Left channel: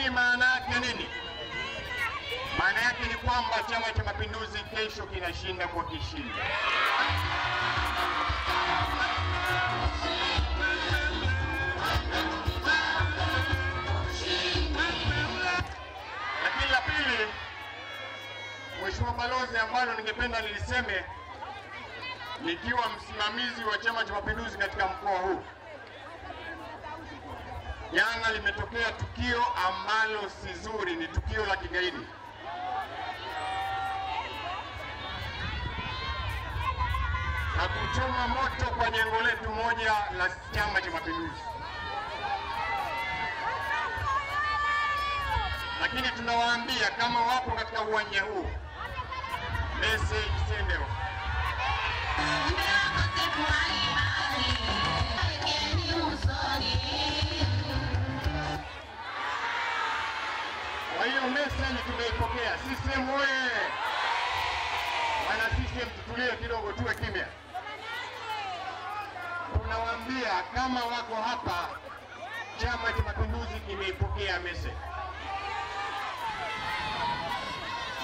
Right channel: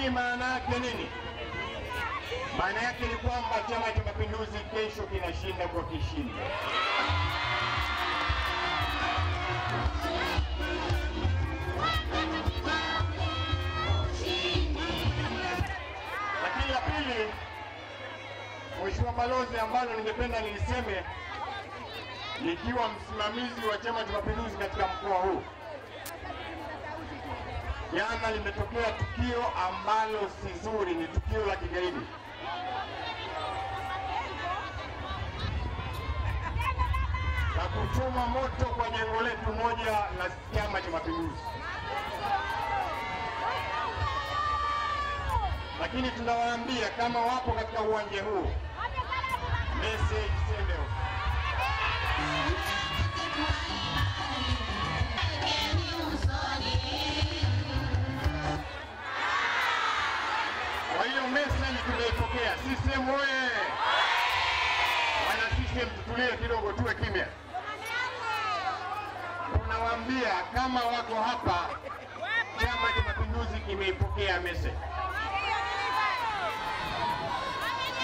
Hii maana yake nini? Maana yake ni kwamba Chama cha Mapinduzi kesho kinashinda kwa kishindo. Lakini la pili, Mheshimiwa Balozi, ambalo ningependa niliseme nikiwa msimamizi wa Chama cha Mapinduzi katika mkoa huu, jana limetokea tukio ambalo si zuri, ni tukio la kigaidi. Na kuchoma moto kwa jengo letu moja la Chama cha Mapinduzi. Lakini tunawaambia kama wapo katika uwanja huu, message sende. Kwa hiyo message tumeipokea. CCM oye! Wana CCM tutulie kidogo, tuwe kimya. Tunawaambia kama wako hapa, Chama cha Mapinduzi kimeipokea message.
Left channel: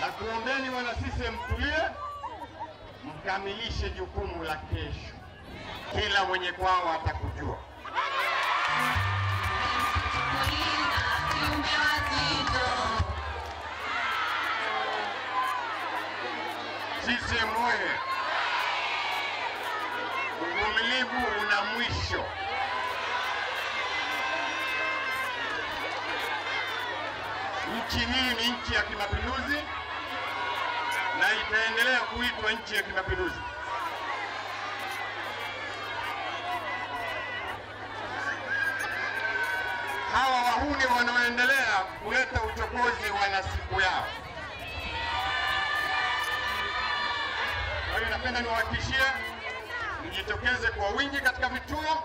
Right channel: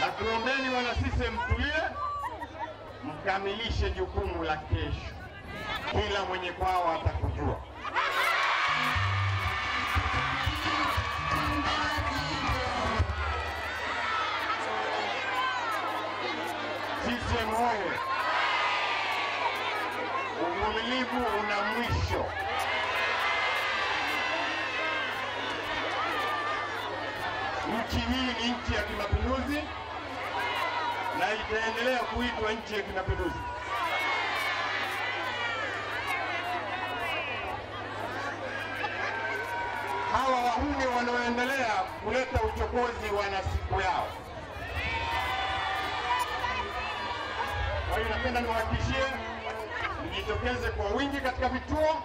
Na kuombeni wana CCM tulie, mkamilishe jukumu la kesho. Kila mwenye kwao atakujua. CCM oye! Uvumilivu una mwisho. Nchi hii ni nchi ya kimapinduzi na itaendelea kuitwa nchi ya kimapinduzi. Hawa wahuni wanaoendelea kuleta uchokozi wana siku yao. Kwa hiyo napenda niwahakikishie mjitokeze kwa wingi katika vituo.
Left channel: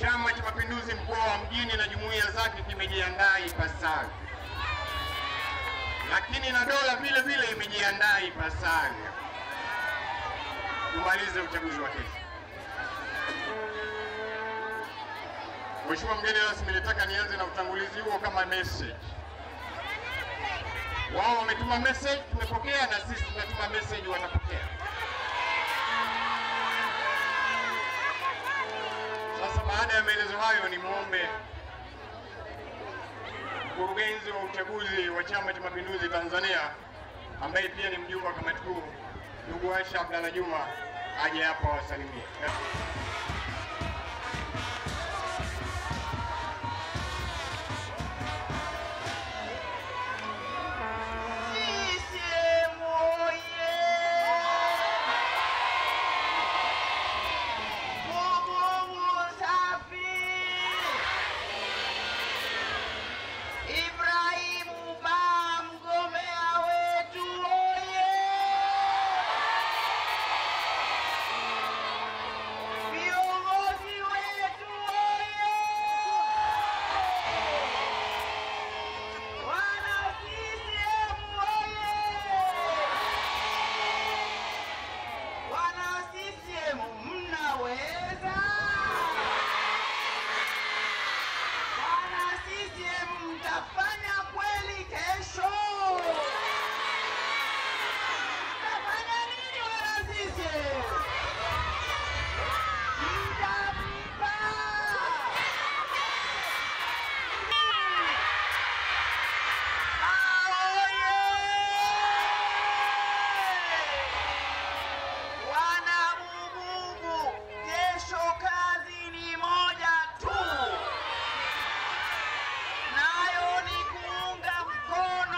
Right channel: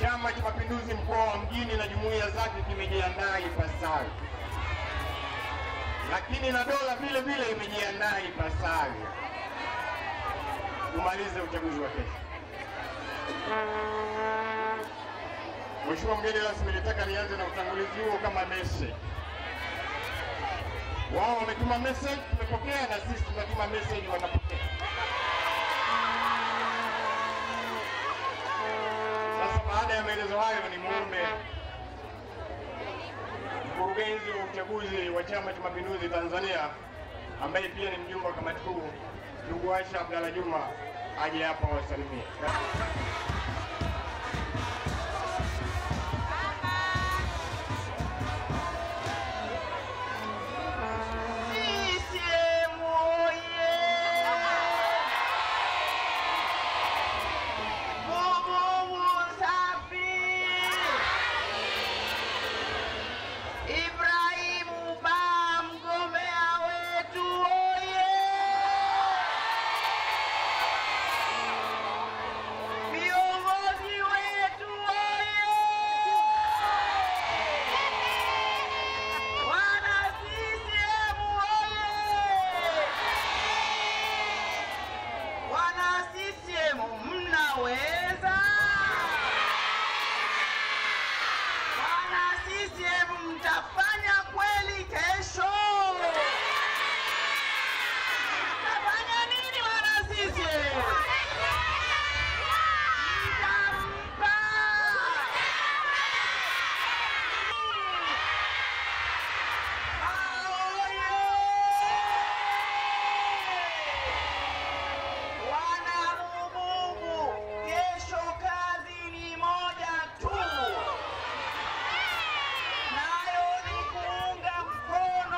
Chama cha Mapinduzi mkoa wa Mjini na jumuiya zake kimejiandaa ipasavyo. Lakini na dola vile vile imejiandaa ipasavyo. Tumalize uchaguzi wa kesho. Mheshimiwa mgeni rasmi, nilitaka nianze na utangulizi huo kama message. Wao wametuma message, tumepokea, na sisi tunatuma message, wanapokea. Sasa baada ya maelezo hayo, ni muombe mkurugenzi wa uchaguzi wa Chama cha Mapinduzi Tanzania, ambaye pia ni mjumbe wa kamati kuu, ndugu Aisha Abdalla Juma, aje hapa wasalimie. nayo ni kuunga mkono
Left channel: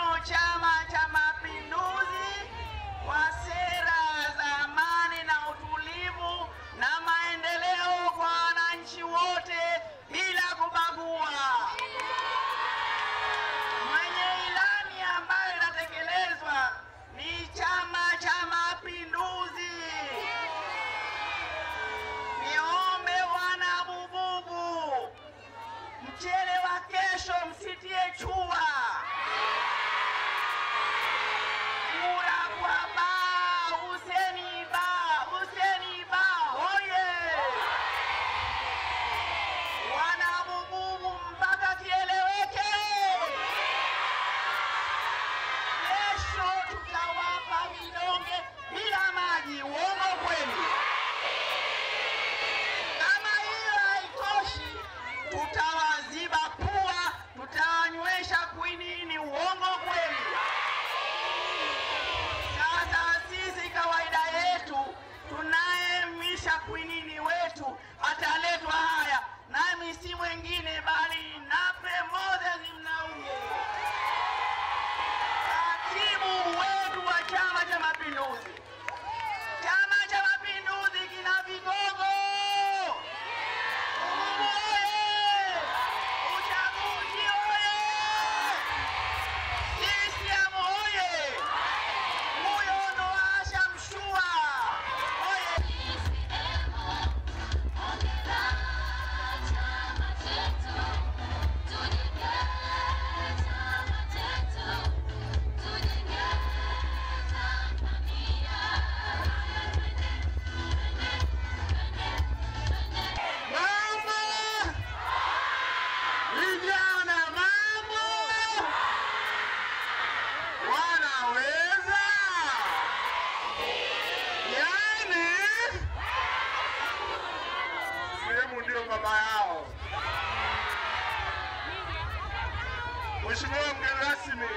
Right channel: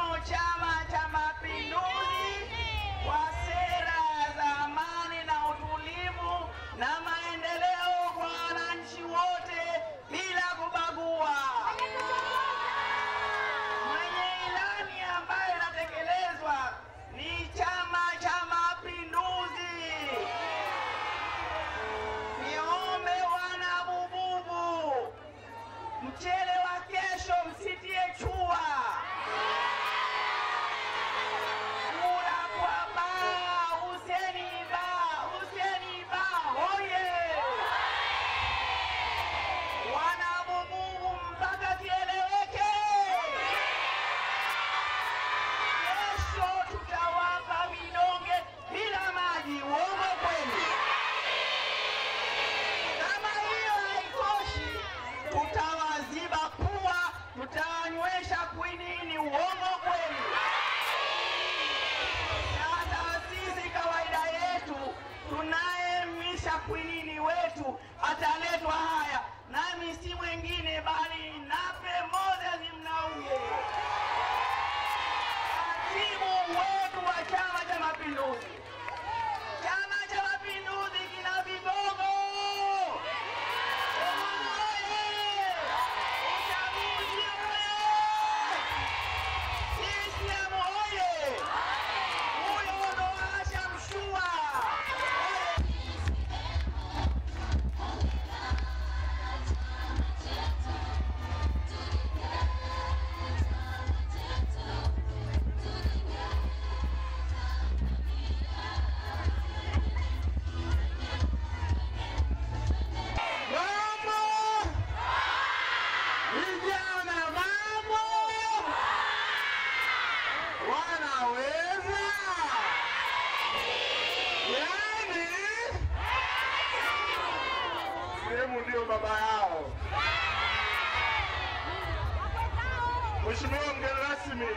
Mheshimiwa mgeni rasmi,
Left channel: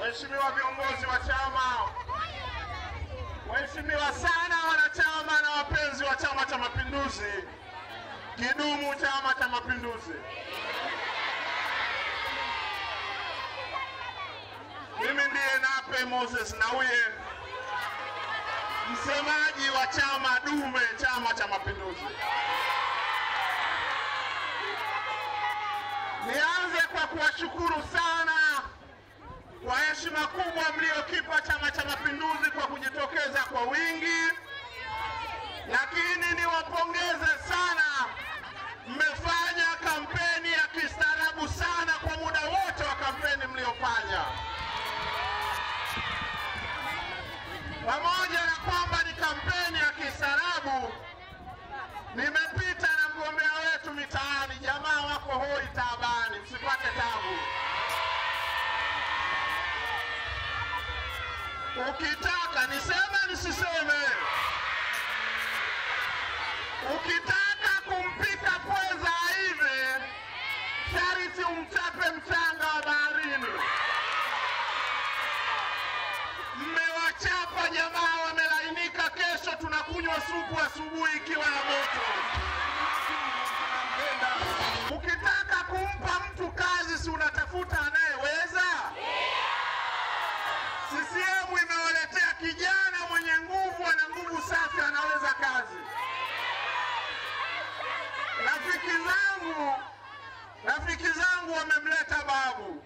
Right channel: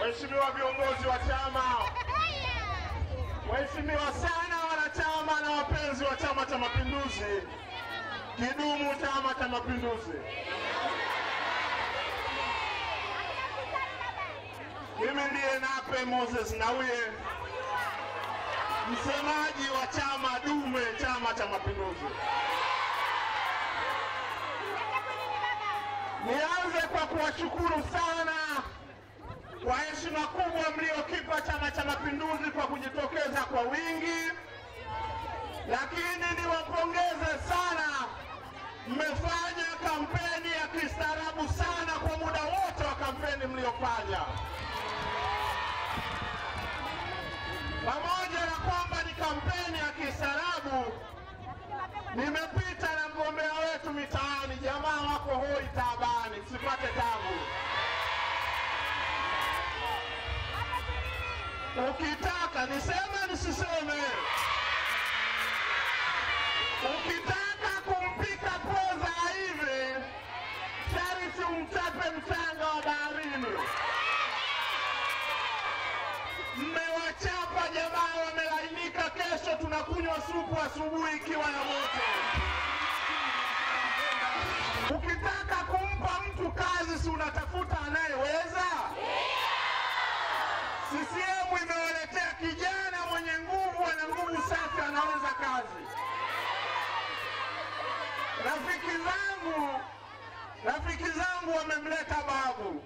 Mheshimiwa viongozi wa chama, Mheshimiwa sana wanachama na wapenzi wa Chama cha Mapinduzi, kidumu Chama cha Mapinduzi. Mimi ndiye Nape Moses Nnauye, msemaji wa chama dume Chama cha Mapinduzi. Nianze kwa kuwashukuru sana kwa heshima kubwa mliokipa Chama cha Mapinduzi kwa kujitokeza kwa wingi, lakini niwapongeze sana, mmefanya kampeni ya kistaarabu sana kwa muda wote wa kampeni mliofanya. Pamoja na kwamba ni kampeni ya kistaarabu, nimepita na mgombea wetu mitaani, jamaa wako hoi taabani, msipate tabu. Ukitaka niseme nisiseme, ukitaka kumpika pweza hivi, sharti umchape mchanga wa baharini. Mmewachapa jamaa, wamelainika. Kesho tunakunywa supu asubuhi ikiwa na moto. Ukitaka kumpa mtu kazi, si unatafuta anayeweza? CCM imewaletea kijana mwenye nguvu, ana nguvu safi, anaweza kazi. Rafiki zangu wamemleta babu.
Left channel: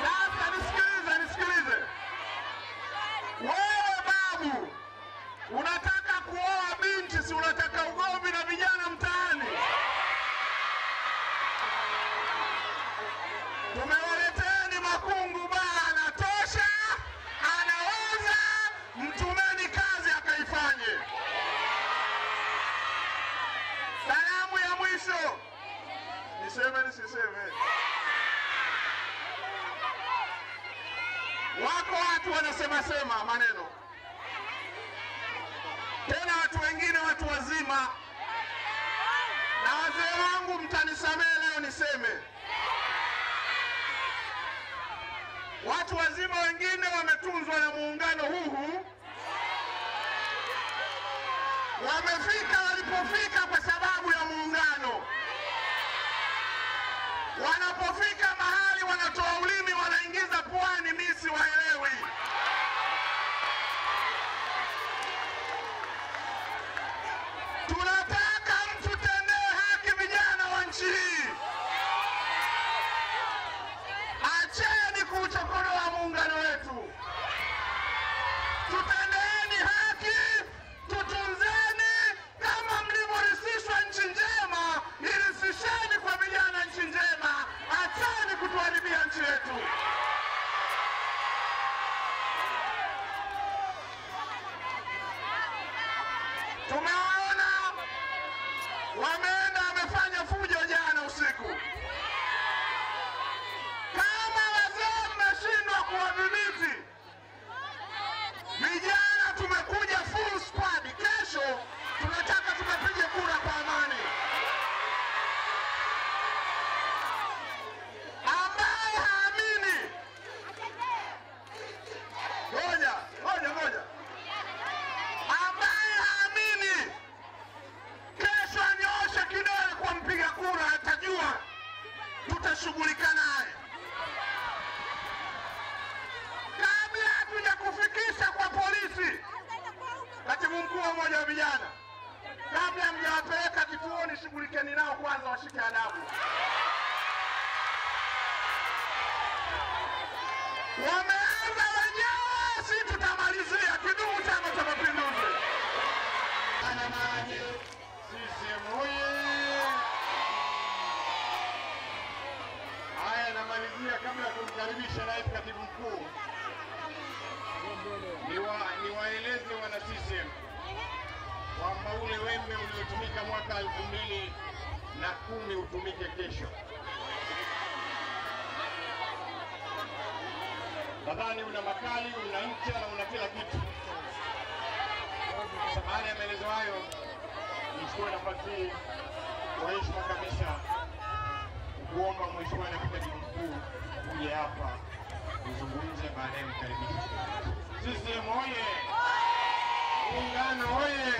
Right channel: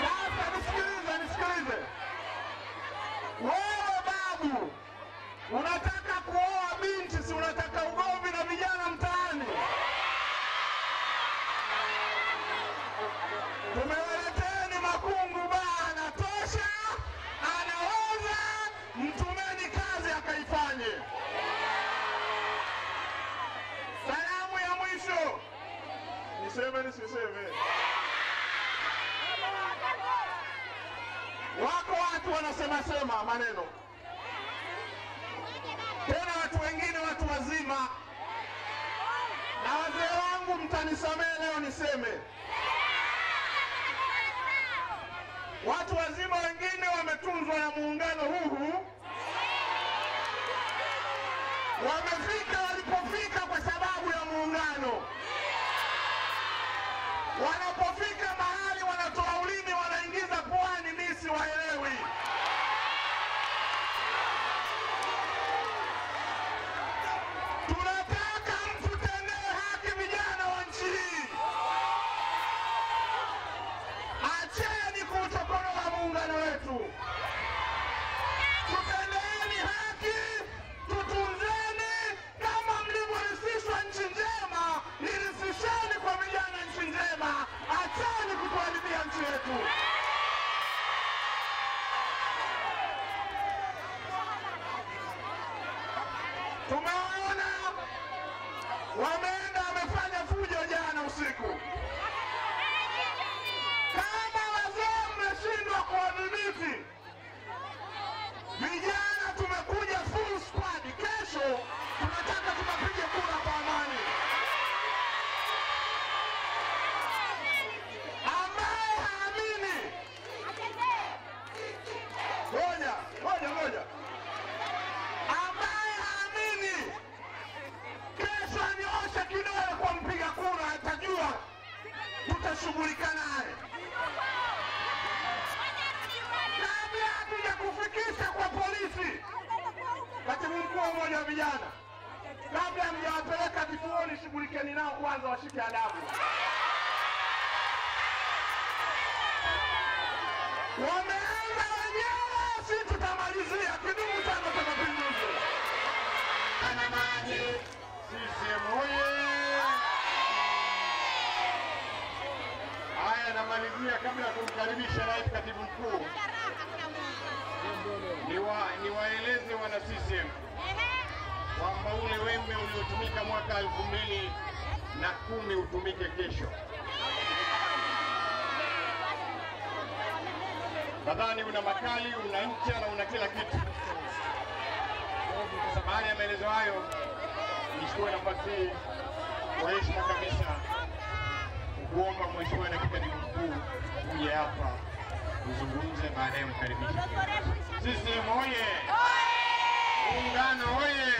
Sasa nisikilize. Wewe babu, unataka kuoa binti, si unataka ugomvi na vijana mtaani? Tumewaleteeni makungu baa, anatosha, anaweza, mtumeni kazi akaifanye. Salamu ya mwisho, niseme nisiseme? Wako watu wanasema maneno, tena watu wengine watu wazima, na wazee wangu mtanisamehe leo niseme. Watu wazima wengine wametunzwa na muungano huu, wamefika walipofika kwa sababu ya muungano. Wanapofika mahali wanatoa ulimi, wanaingiza puani, mimi siwaelewi. Tunataka mtu tendee haki vijana wa nchi hii. Acheni kuuchokonoa muungano wetu. Tutendeeni haki, tutunzeni. Kama mlivyorisishwa nchi njema, irisisheni kwa vijana nchi njema. Acheni kutuharibia nchi yetu. Tumeona wameenda wamefanya fujo jana usiku. Kama wazee mmeshindwa kuwadhibiti vijana, tumekuja full squad. Kesho tunataka tupige kura kwa amani. Ambaye haamini, ngoja. Ambaye haamini, kesho anyooshe kidole kwa mpiga kura, atajua tutashughulika naye. Kabla hatuja kufikisha kwa polisi, katibu mkuu wa umoja wa vijana, kabla mjawapeleka kituoni, shughulikeni nao kwanza, washike adabu. Wameanza wenyewe, si tutamalizia. Kidumu Chama cha Mapinduzi! Anamani CCM oye! Haya, namalizia kabla ya kumkaribisha naibu katibu mkuu, niwaeleze wana CCM kwamba ule wembe uliotumika mwaka 2010 utumike kesho. Nadhani una makali, una ncha na una kila kitu. Baada ya maelezo hayo, nichukue nafasi hii Kwa heshima kabisa kuomba Mheshimiwa Naibu Katibu Mkuu uje hapa uzungumze, baadaye mkaribishe. CCM oye! Muungano oye!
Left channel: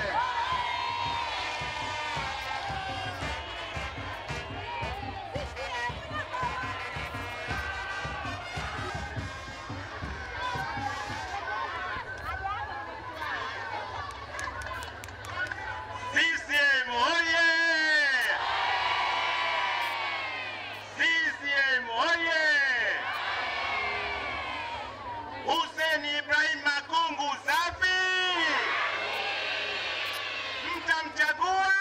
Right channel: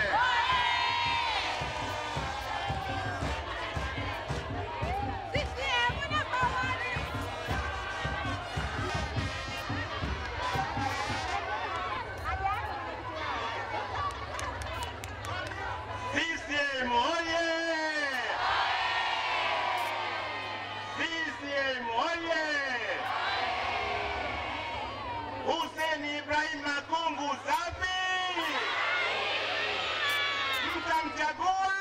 CCM oye! CCM oye! Hussein Ibrahim Makungu safi! Mtamchagua?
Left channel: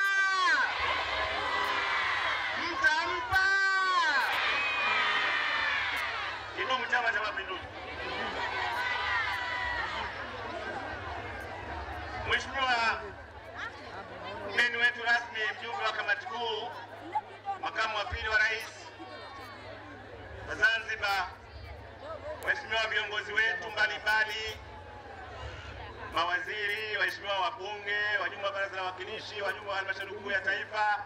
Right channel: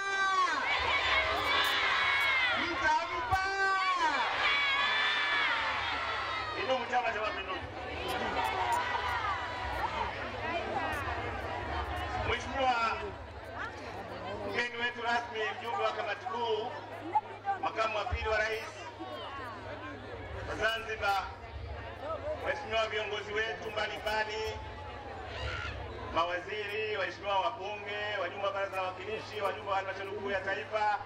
Mtampa? Idumu Chama cha Mapinduzi! Mheshimiwa mgeni wetu rasmi, mjumbe wa kamati kuu, makamu wa pili wa rais wa Zanzibar, waheshimiwa viongozi wetu mbalimbali, mawaziri, waheshimiwa wabunge, wajumbe wa baraza la wawakilishi, wajumbe wa halmashauri kuu ya taifa,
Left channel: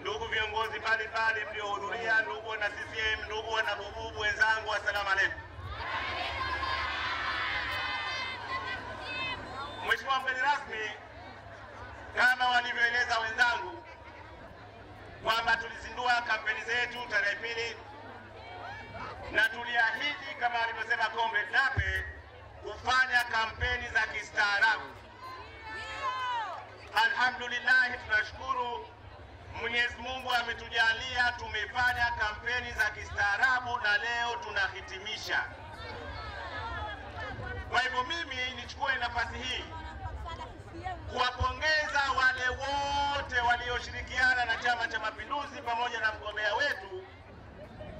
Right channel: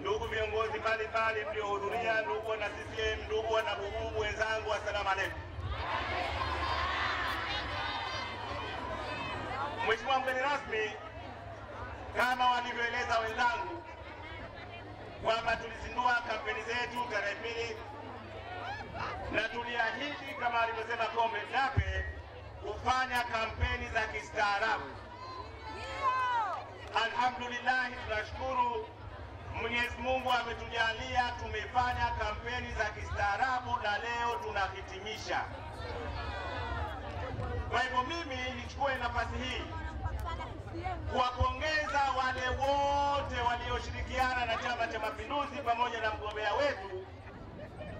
ndugu viongozi mbalimbali mliohudhuria, ndugu wana CCM, ndugu wana Bububu wenzangu, asalamu alaykum. Mheshimiwa mgeni rasmi, kama walivyoeleza wenzangu kwamba tulizindua kampeni zetu tarehe 2 na tuliahidi kama alivyosema Comrade Nape kufanya kampeni za kistaarabu. Alhamdulillah, tunashukuru Mwenyezi Mungu ametujalia tumefanya kampeni za kistaarabu na leo tunahitimisha. Kwa hivyo mimi nichukue nafasi hii kuwapongeza wale wote walioshirikiana na Chama cha Mapinduzi pamoja na mgombea wetu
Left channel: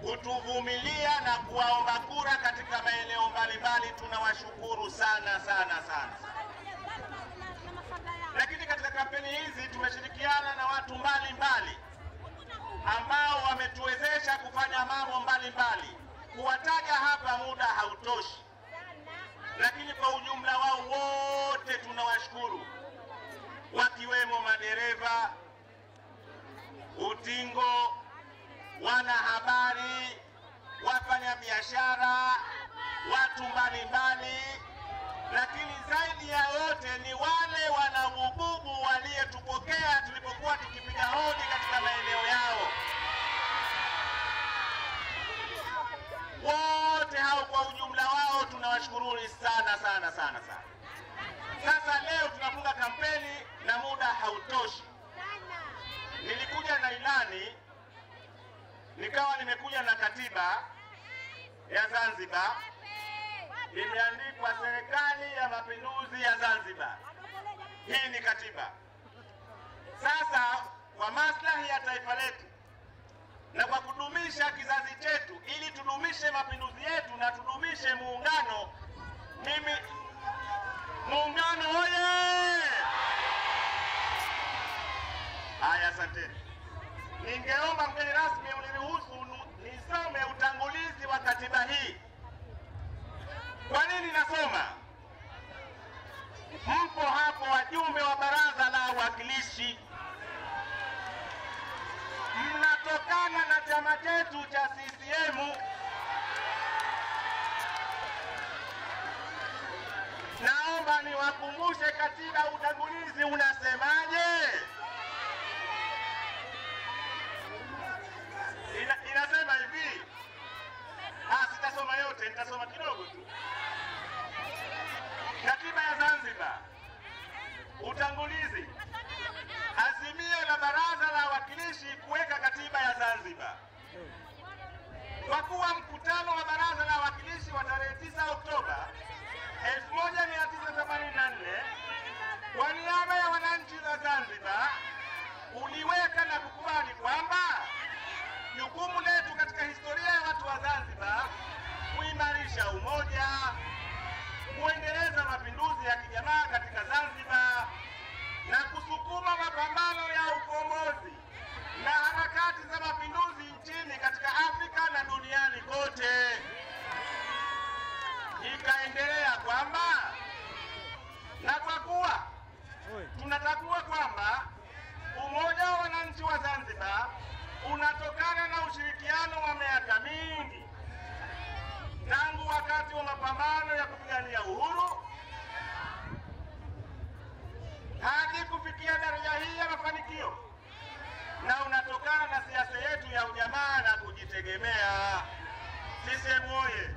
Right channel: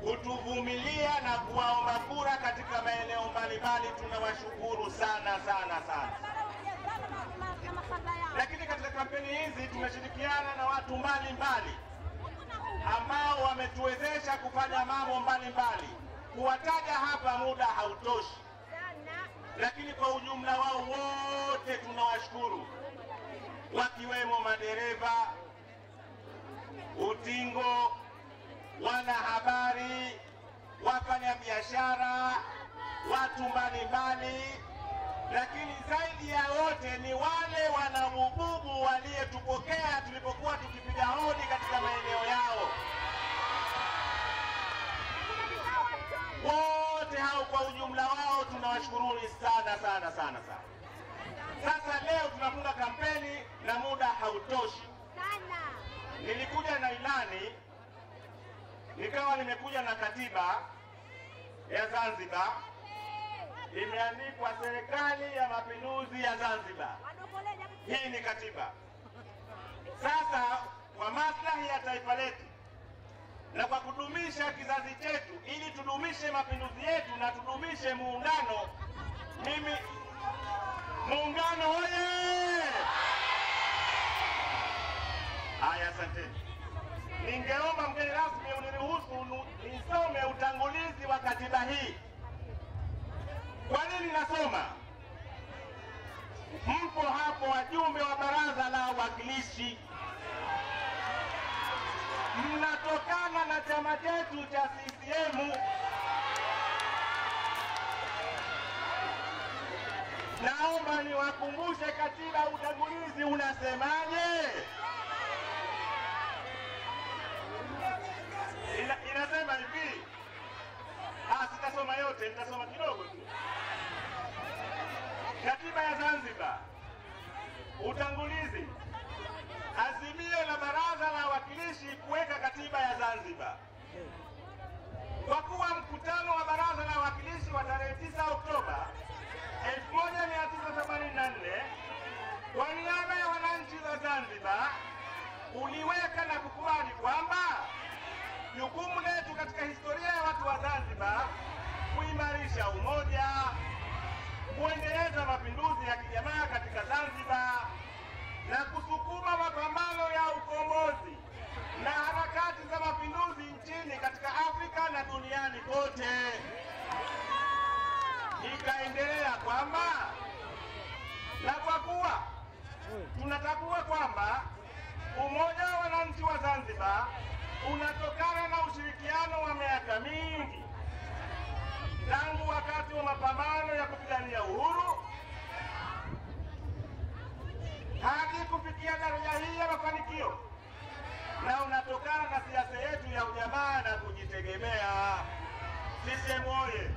kutuvumilia na kuwaomba kura katika maeneo mbalimbali. Tunawashukuru sana sana sana. Lakini katika kampeni hizi tumeshirikiana na watu mbalimbali ambao wametuwezesha kufanya mambo mbalimbali. Kuwataja hapa muda hautoshi, lakini kwa ujumla wao wote tunawashukuru, wakiwemo madereva, utingo, wanahabari, wafanya biashara, watu mbalimbali, lakini zaidi ya wote ni wale wana Bububu waliyetupokea tulipokuwa tukipiga hodi katika maeneo yao. Wote hao kwa ujumla wao tunawashukuru sana sana sana sana. Sasa leo tunafunga kampeni na muda hautoshi. Nilikuja na ilani, nikawa nimekuja na katiba ya Zanzibar, imeandikwa Serikali ya Mapinduzi ya Zanzibar. Hii ni katiba. Sasa kwa maslahi ya taifa letu na kwa kudumisha kizazi chetu, ili tudumishe mapinduzi yetu na tudumishe muungano, mimi muungano oye! Haya, asanteni. Ningeomba mgeni rasmi uniruhusu nisome utangulizi wa katiba hii. Kwa nini nasoma? Mpo hapo wajumbe wa baraza la wawakilishi, mnatokana na chama chetu cha CCM. Naomba niwakumbushe katiba, utangulizi unasemaje? Inasema hivi. Sitasoma yote, nitasoma kidogo tu. Katiba ya Zanzibar. Utangulizi. Azimio la Baraza la Wawakilishi kuweka katiba ya Zanzibar. Kwa kuwa mkutano wa Baraza la Wawakilishi wa tarehe 9 Oktoba 1984 kwa niaba ya wananchi wa Zanzibar uliweka na kukubali kwamba jukumu letu katika historia ya watu wa Zanzibar kuimarisha umoja, kuendeleza mapinduzi ya kijamaa katika Zanzibar na kusukuma mapambano ya ukombozi na harakati za mapinduzi nchini katika Afrika na duniani kote. Ikaendelea kwamba na kwa kuwa tunatambua kwamba umoja wa wananchi wa Zanzibar kufikia daraja hii ya mafanikio, na unatokana na siasa yetu ya ujamaa na kujitegemea. CCM oye!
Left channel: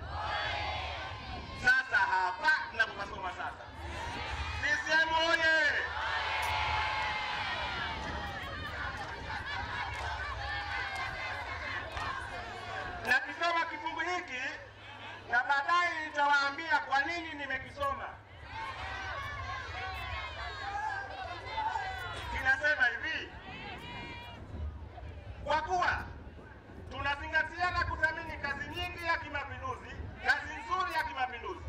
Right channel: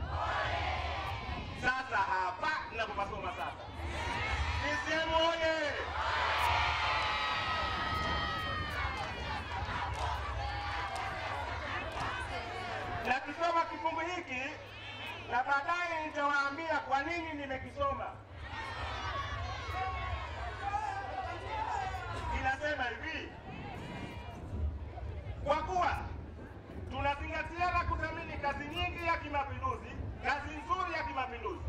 Sasa hapa tunapopasoma sasa, CCM oye! Na kisoma kifungu hiki na baadaye nitawaambia kwa nini nimekisoma. Kinasema hivi: kwa kuwa tunazingatia na kudhamini kazi nyingi ya kimapinduzi, kazi nzuri ya kimapinduzi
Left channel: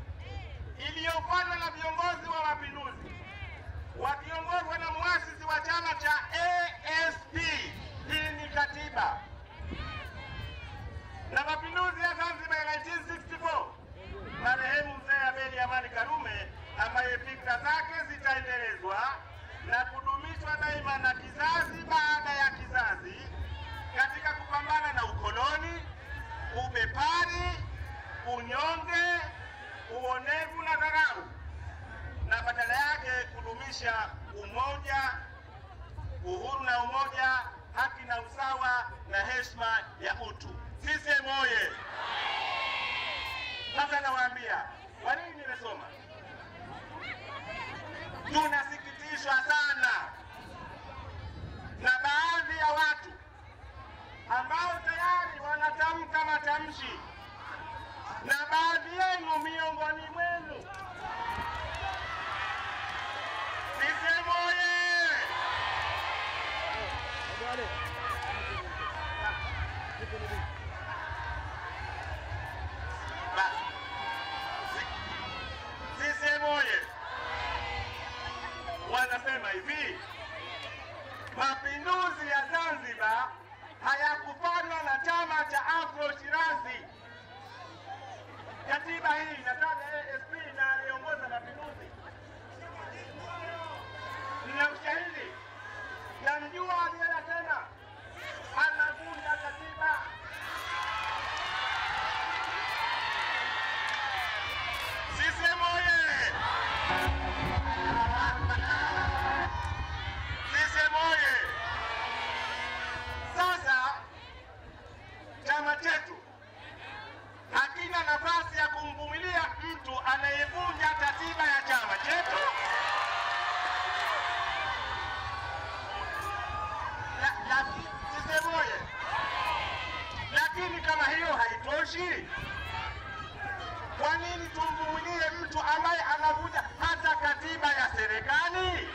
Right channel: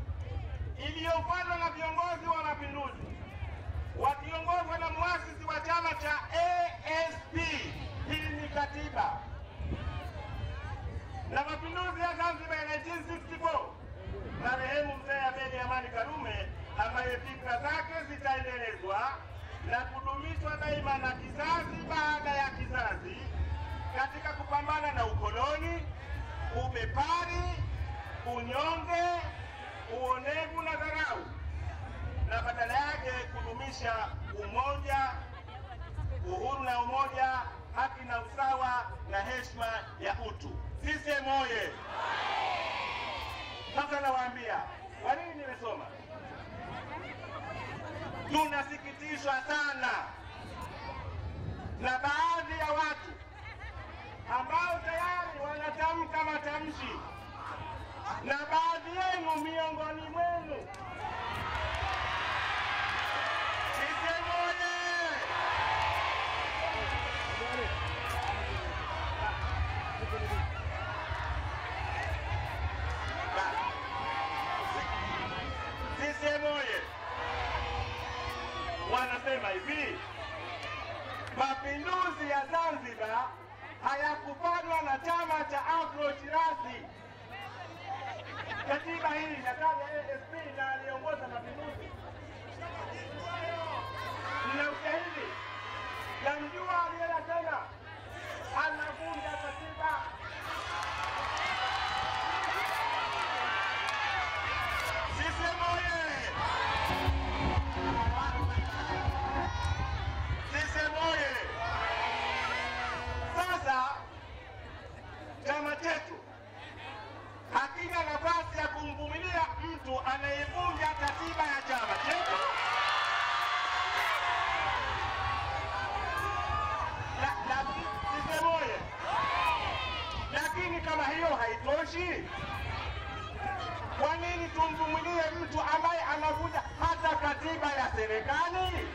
iliyofanywa na viongozi wa mapinduzi wakiongozwa na muasisi wa chama cha ASP, hii ni katiba, na mapinduzi ya Zanzibar ya 1964, marehemu mzee Abeid Amani Karume, ambaye fikra zake zitaendelezwa na kudumishwa daima na kizazi baada ya kizazi katika kupambana na ukoloni, ubepari, unyonge, uonevu na dharau, na badala yake kudumisha umoja, uhuru na umoja, haki na usawa na heshima ya utu. CCM oye! Sasa nawaambia kwa nini nimesoma. Tunasikitishwa sana na baadhi ya watu ambao tayari wanatamka matamshi, na baadhi yenu miongoni mwenu. CCM oye! CCM oye! Wanasema hivi: mapinduzi ya Zanzibar hayakufanywa na chama cha Afro Shirazi. Katiba hii inataja ASP na aliongoza mapinduzi. Mna ushahidi? Namjua aliyesema anavunja katiba. CCM oye! CCM oye! Sasa chama chetu hakina nafasi ya kumvumilia mtu anayevunja katiba ya chama chetu. CCM oye! Lakini kama hiyo haitoshi, kwa nini tumvumilie mtu ambaye anavunja hata katiba ya serikali?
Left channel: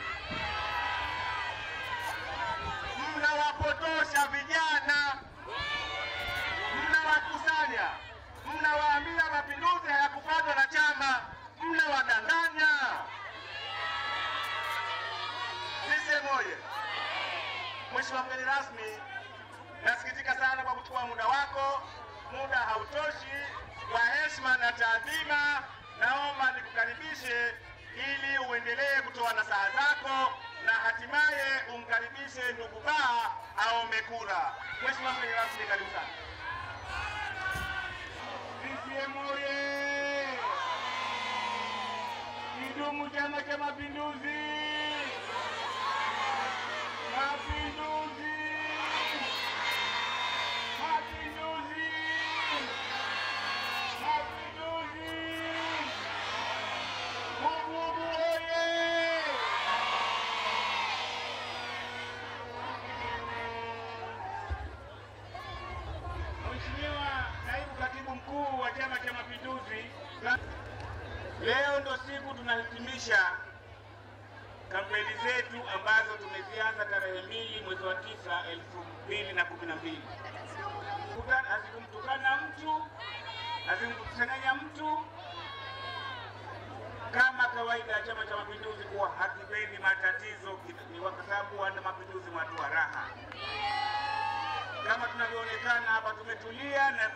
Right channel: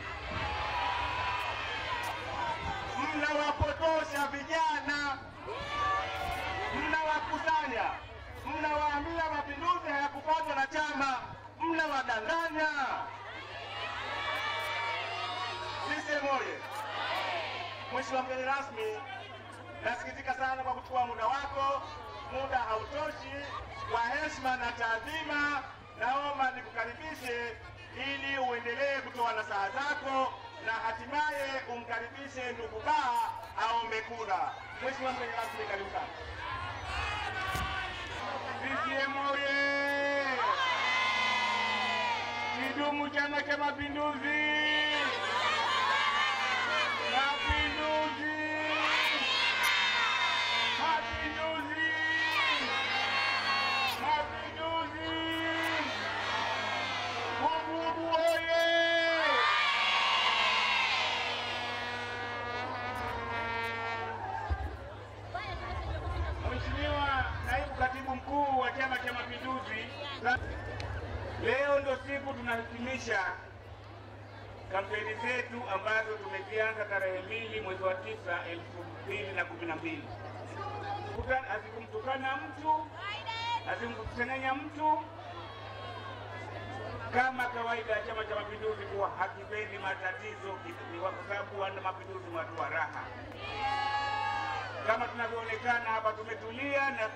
Mnawapotosha vijana, mnawakusanya, mnawaambia mapinduzi hayakupatwa na chama, mnawadanganya. CCM oye! Mheshimiwa mgeni rasmi, nasikitika sana kwa kuchukua muda wako. Muda hautoshi. Kwa heshima na taadhima, naomba nikukaribishe ili uendelee kutoa nasaha zako na hatimaye umkaribishe ndugu Baa aombe kura. Mheshimiwa mgeni rasmi, karibu sana. CCM oye! Kidumu Chama cha Mapinduzi! Mapinduzi! Mapinduzi! Mapinduzi! Bububu oye! Mheshimiwa Naibu Katibu Mkuu wa Chama cha Mapinduzi, leo ndo siku tunahitimisha kampeni zetu ambazo tumezianza tarehe 2 mwezi wa 9 2012. Hazikumtukana mtu, hazikumkusanyanya mtu. Kama kawaida ya Chama cha Mapinduzi kuwa hakipendi matatizo, kwa sababu wana mapinduzi watu wa raha. Kama tunavyoonekana hapa tumetulia na